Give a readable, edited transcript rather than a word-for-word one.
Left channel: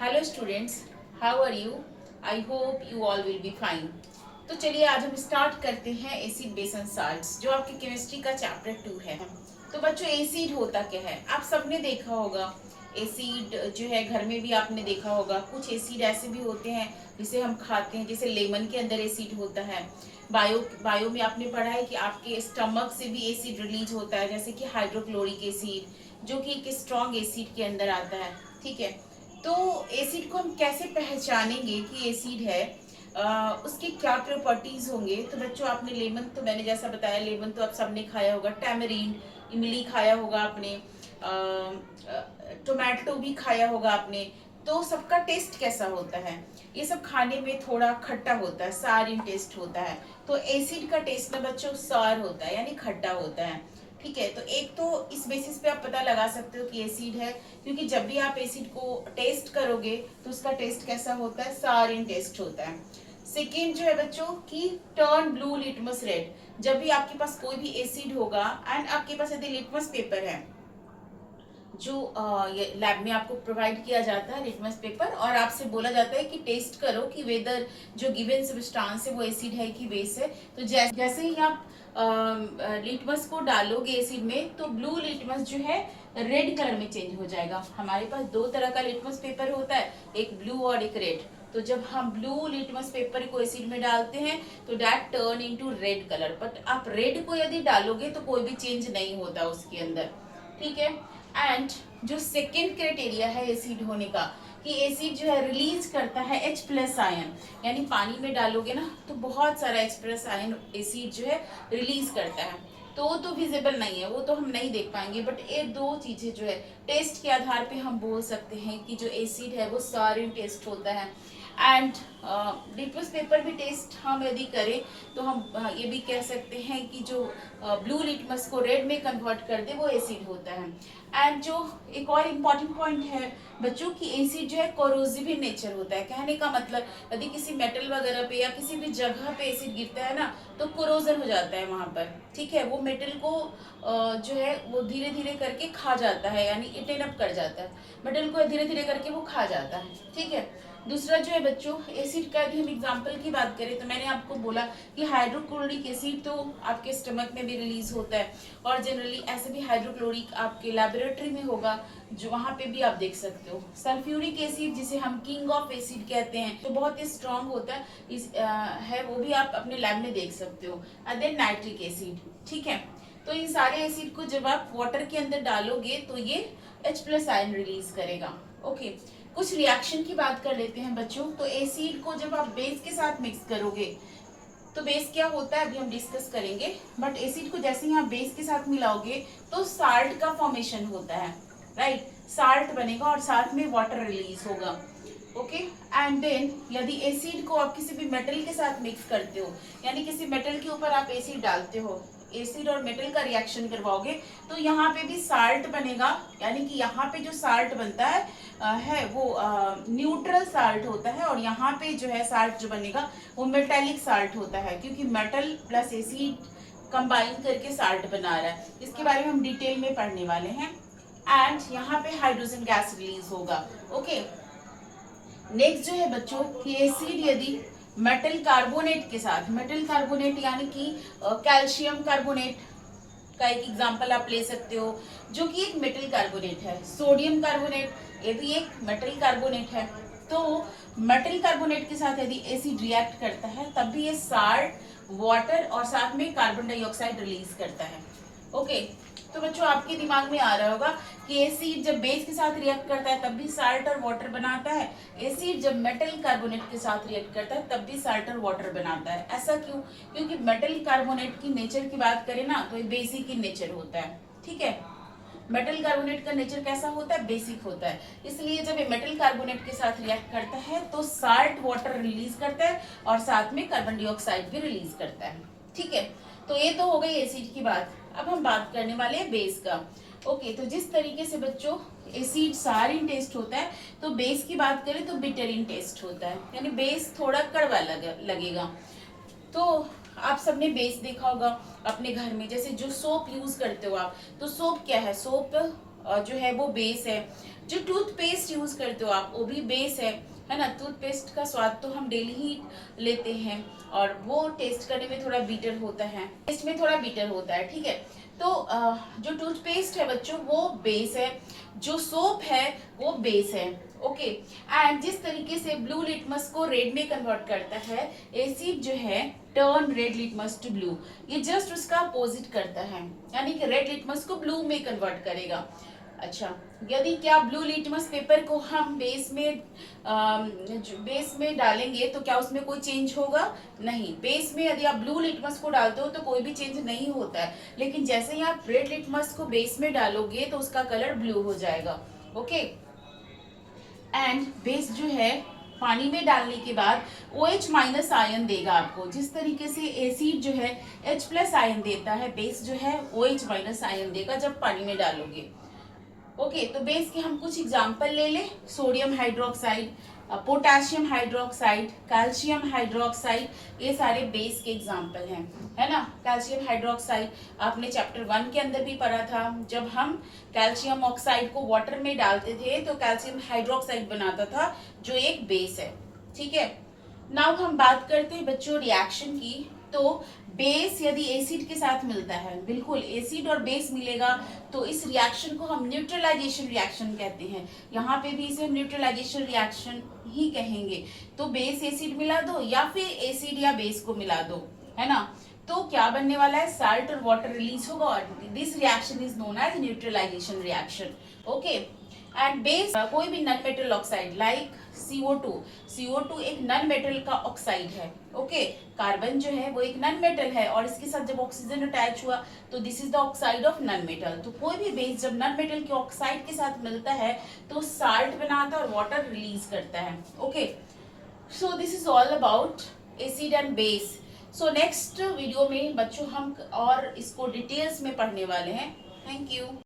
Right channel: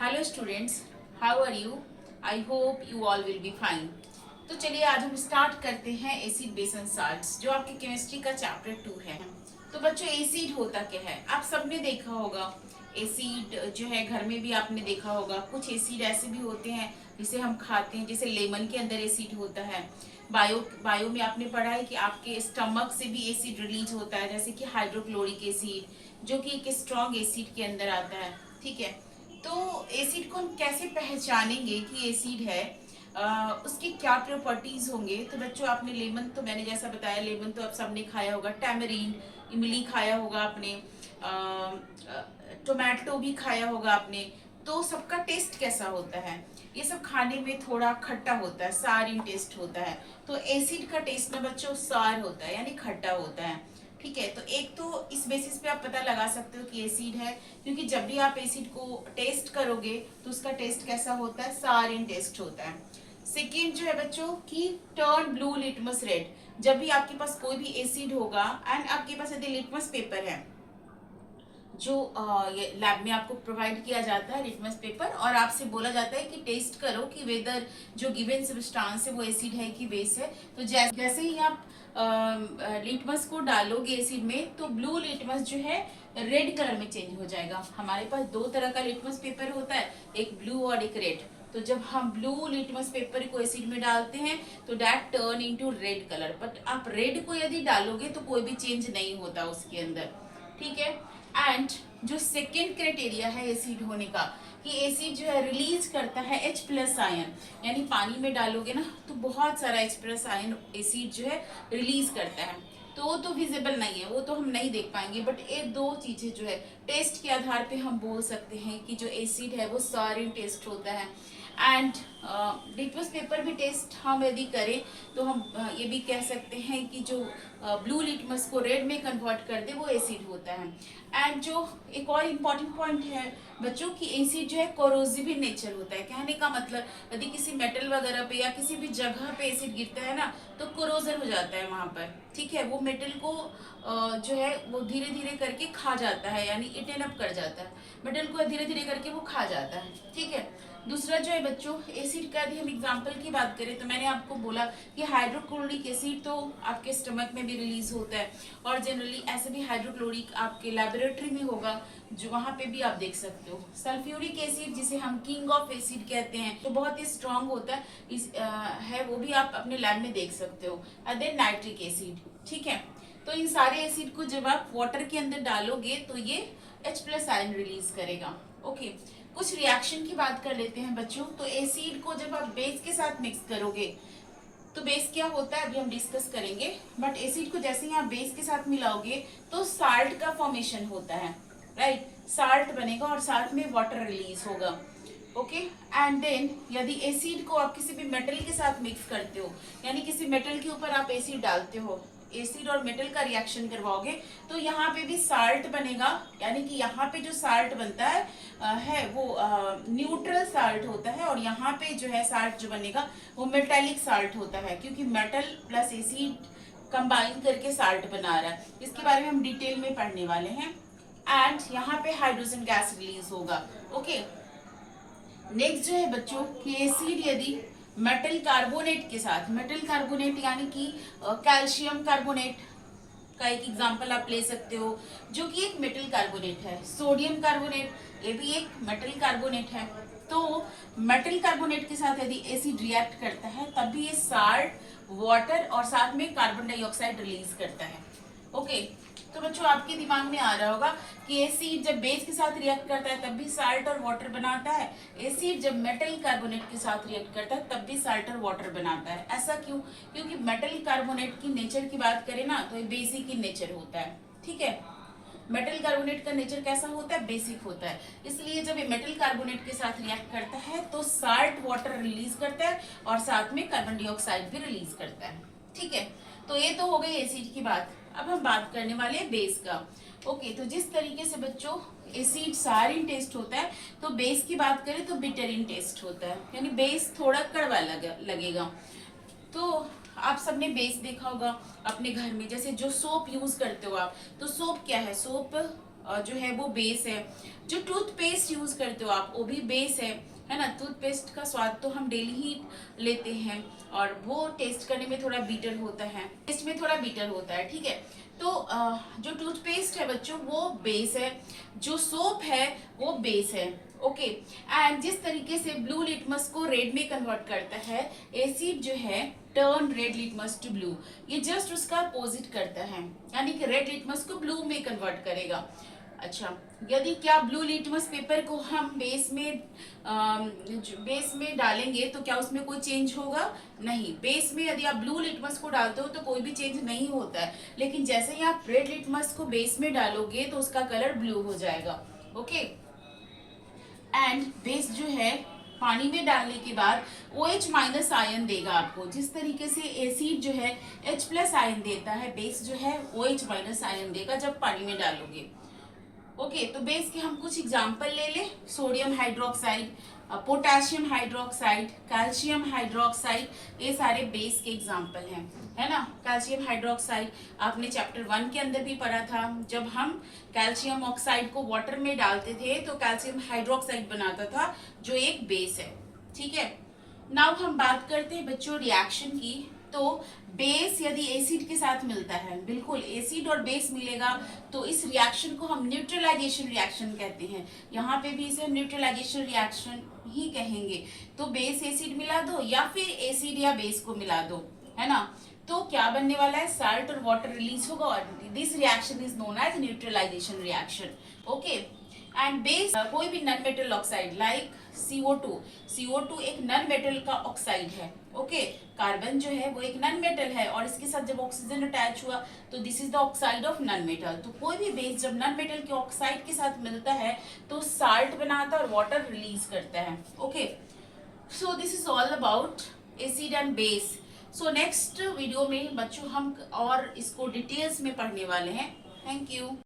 Hello students, how are you? I hope you all will be fine. तो चलिए आज हम स्टार्ट करते हैं एसिड बेस एंड साल्ट्स, जो आपकी केमिस्ट्री का चैप्टर 2 है। तो बच्चों, एसिड होता क्या है? आप सबने देखा होगा। एसिड जो है घर में भी आपने देखा होगा। कुछ एसिड ऐसे भी होते हैं जिसे हम खाते हैं, जैसे लेमन के अंदर एसिड होता है। बायो में आपने पढ़ा है कि आपके स्टमक से भी एसिड रिलीज होता है, जैसे कि हाइड्रोक्लोरिक एसिड, जो कि एक स्ट्रॉन्ग एसिड के अंदर आता है। ठीक है, तो एसिड को हम कैसे पहचानेंगे कि एसिड है? उसके क्या प्रॉपर्टीज होंगे? तो बच्चों, आपने लेमन, तो मैंने जैसा बताया लेमन तो आप सबने खाया होगा। टैमरीन, इमली खाया होगा आपने। टोमेटो भी खाया होगा आपने। तो सबका टेस्ट कैसा होता है? ये सब खाने में थोड़ा खट्टा होता है, सार इन टेस्ट होता है। तो एसिड का टेस्ट ना बच्चों सार होता है, यानी खट्टा होता है। ठीक है, तो एक तो इस बेसिस पे आप पता लगा सकते हो कि एसिड है, क्योंकि जब भी आप एसिड को टेस्ट करोगे तो उसका टेस्ट कैसा होता है? सार इन टेस्ट होता है। सेकेंड जो है बच्चों कि टर्न ब्लू लिटमस रेड। जब भी आपके पास कोई भी एसिड होगा एंड आपके पास यदि लिटमस पेपर है, जो ये लैब में आपको प्रोवाइड किया जाता है लिटमस पेपर, और आपसे बोला जाता है कि टेस्ट करो कि वेदर जो गिवन सब्सटेंस है वो एसिड है कि बेस है। तो जैसे ही आप लिटमस को डालोगे एसिड में, तो ब्लू लिटमस जो है रेड कलर में चेंज हो जाएगा। हमारे पास दो तरह का लिटमस पेपर होता है, एक ब्लू और एक रेड। तो जब हम ब्लू लिटमस पेपर को एसिड में डालते हैं तो that turn into red colour. But आप रेड को यदि डालोगे तो कोई भी चेंज नहीं होता उसके अंदर। ठीक है, एंड जो सेकेंड क्राइटेरिया है एसिड होने का, कि एसिड जो है रिलीज करता है H प्लस आयन। यानी पानी में डालोगे ना तो बहुत सारा H प्लस आयन एसिड जो है रिलीज करता है। तो वो तो विजिबल नहीं है, वो तो हम नहीं देख पाएंगे, बट एक दो चीजें जो है टेस्ट के आधार पे हम बोल सकते हैं कि जो एसिड है वो सारिन टेस्ट होता है। एंड लिटमस पेपर भी टेस्ट हम यदि करें तो हम ये भी कह सकते हैं कि जो ब्लू लिटमस को रेड में कन्वर्ट कर दे वो एसिड होता है। एंड जो एक और इम्पॉर्टेंट पॉइंट है बच्चों की, एसिड जो है कोरोसिव इन नेचर होता है। कहने का मतलब, यदि किसी मेटल वगैरह पे या किसी भी जगह पे एसिड गिरता है ना तो कोरोजन हो जाता है वहां पर। ठीक है, वो मेटल को जो है वो धीरे धीरे करके खा जाता है, यानी इटेन अप कर जाता है। मेटल को धीरे धीरे करके वो खा जाता है। ठीक है, दूसरा जो है बच्चों एसिड का, यदि हम एग्जांपल की बात करें तो मैंने आपको बोला कि हाइड्रोक्लोरिक एसिड तो आपके स्टमक में भी रिलीज होता है, और जनरली ऐसे भी हाइड्रोक्लोरिक आपके लेबोरेटरी में होगा, जो वहां पे भी आप देख सकते हो। सल्फ्यूरिक एसिड, जिसे हम किंग ऑफ एसिड कहते हैं, तो बहुत ही स्ट्रांग होता है, है वो भी आप अपने लैब में देख सकते हो। And then nitric acid. ठीक है, तो इन सारे एसिड को जब आप वाटर के अंदर डालोगे तो ये H प्लस आयन रिलीज करेगा। ओके, कुछ रिएक्शन की बात कर लेते हैं बच्चों। तो एसिड को जब आप बेस के साथ मिक्स करोगे तो बेस क्या होता है अभी हम डिस्कस करेंगे, बट एसिड को जैसे ही आप बेस के साथ मिलाओगे तो साल्ट का फॉर्मेशन होता है। राइट, साल्ट बनेगा और साथ में वाटर रिलीज होगा। ओके, एंड देन यदि एसिड को आप किसी भी मेटल के साथ मिक्स करते हो, यानी किसी मेटल के ऊपर आप एसिड डालते हो, एसिड और मेटल का रिएक्शन करवाओगे, तो यहाँ पे भी साल्ट बनेगा। यानी कि यहाँ पे जो साल्ट बनता है वो न्यूट्रल साल्ट होता है, और यहाँ पे जो है साल्ट जो बनेगा वो मेटेलिक साल्ट होता है, क्योंकि मेटल प्लस एसिड कंबाइन करके साल्ट बना रहा है। इसके बारे में हम डिटेल में पढ़ने वाले हैं। एंड यहाँ पे हाइड्रोजन गैस रिलीज होगा। ओके, नेक्स्ट जो है बच्चों कि एसिड यदि मेटल कार्बोनेट के साथ, मेटल कार्बोनेट यानी कि कैल्शियम कार्बोनेट का एक एग्जांपल आप ले सकते हो, जो कि एक मेटल कार्बोनेट है। सोडियम कार्बोनेट, ये भी एक मेटल कार्बोनेट है। तो मेटल कार्बोनेट के साथ यदि एसिड रिएक्ट करता है तब भी ये साल्ट, वाटर और साथ में कार्बन डाइऑक्साइड रिलीज करता है। ओके, तो बच्चों आपके दिमाग में आ रहा होगा कि एसिड जब बेस के साथ रिएक्ट करता है तब भी साल्ट और वाटर बनाता है, एसिड जब मेटल कार्बोनेट के साथ रिएक्ट करता है तब भी साल्ट और वाटर बनाता है। ऐसा क्यों? क्योंकि मेटल कार्बोनेट की नेचर की बात करें ना तो ये बेसिक इन नेचर होता है। ठीक है, मेटल कार्बोनेट का नेचर कैसा होता है? बेसिक होता है। इसलिए जब ये मेटल कार्बोनेट के साथ रिएक्ट करता है तो साल्ट वाटर रिलीज करता है और साथ में कार्बन डाइऑक्साइड भी रिलीज करता है। ठीक है, तो ये तो हो गई एसिड की बात। अब हम बात करने वाले हैं बेस का। ओके, तो जिस तरीके से बच्चों एसिड सारिन टेस्ट होता है, तो बेस की बात करें तो बिटरिन टेस्ट होता है, यानी बेस थोड़ा कड़वा लगेगा। तो आप सबने बेस देखा होगा अपने घर में, जैसे जो सोप यूज करते हो आप, तो सोप क्या है? सोप जो है वो बेस है। जो टूथपेस्ट यूज करते हो आप वो भी बेस है ना। टूथपेस्ट का स्वाद तो हम डेली ही लेते हैं और वो टेस्ट करने में थोड़ा बीटर होता है, टेस्ट में थोड़ा बीटर होता है, ठीक है। तो जो टूथपेस्ट है बच्चों वो बेस है, जो सोप है वो बेस है, ओके। एंड जिस तरीके से ब्लू लिटमस को रेड में कन्वर्ट करता है, एसिड जो है turn red litmus to blue, ये जस्ट उसका अपोजिट करता है, यानी कि रेड लिटमस को ब्लू में कन्वर्ट करेगा। अच्छा, यदि क्या ब्लू लिटमस पेपर को हम बेस में डालेंगे तो क्या उसमें कोई चेंज होगा? नहीं। बेस में यदि आप ब्लू लिटमस को डालते हो तो कोई भी चेंज नहीं होता है, लेकिन जैसे ही आप रेड लिटमस को बेस में डालोगे तो उसका कलर ब्लू हो जाएगा, ओके। एंड बेस जो है पानी में डालने के बाद OH माइनस आयन देगा आपको। जिस तरीके से एसिड जो है H प्लस आयन देता है, बेस जो है OH माइनस आयन देगा जब पानी में डालोगे, ओके। तो बेस के हम कुछ एग्जांपल ले ले। Sodium hydroxide, potassium hydroxide, calcium hydroxide, ये सारे बेस के एग्जांपल हैं, है ना। कैल्शियम हाइड्रोक्साइड आपने चैप्टर 1 के अंदर भी पढ़ा था। जब हम कैल्शियम ऑक्साइड को वाटर में डालते थे तो कैल्शियम हाइड्रोक्साइड बनाता था, जो एक बेस है, ठीक है। नाउ हम बात करते हैं बच्चों रिएक्शन की। तो बेस यदि एसिड के साथ मिलता है, बिल्कुल एसिड और बेस मिलेगा, तो इस रिएक्शन को हम न्यूट्रलाइजेशन रिएक्शन कहते हैं। यहाँ पे भी इसे हम न्यूट्रलाइजेशन रिएक्शन ही कहेंगे। तो बेस एसिड मिला दो या फिर एसिड या बेस को मिला दो, है ना। तो क्या बनने वाला है? साल्ट और वाटर रिलीज होगा और this reaction is known as neutralisation reaction, okay. And base कोई भी non metal oxide like CO2 एक नॉन मेटल का ऑक्साइड है, ओके। कार्बन जो है वो एक नॉन मेटल है और इसके साथ जब ऑक्सीजन अटैच हुआ तो this is the oxide of non metal. तो कोई भी बेस जब नॉन मेटल के ऑक्साइड के साथ मिलता है तो साल्ट बनाता है और वाटर रिलीज करता है, okay. So this is all about acid and base. So next video में बच्चों हम और इसको डिटेल्स में पढ़ने वाले हैं। Thank you.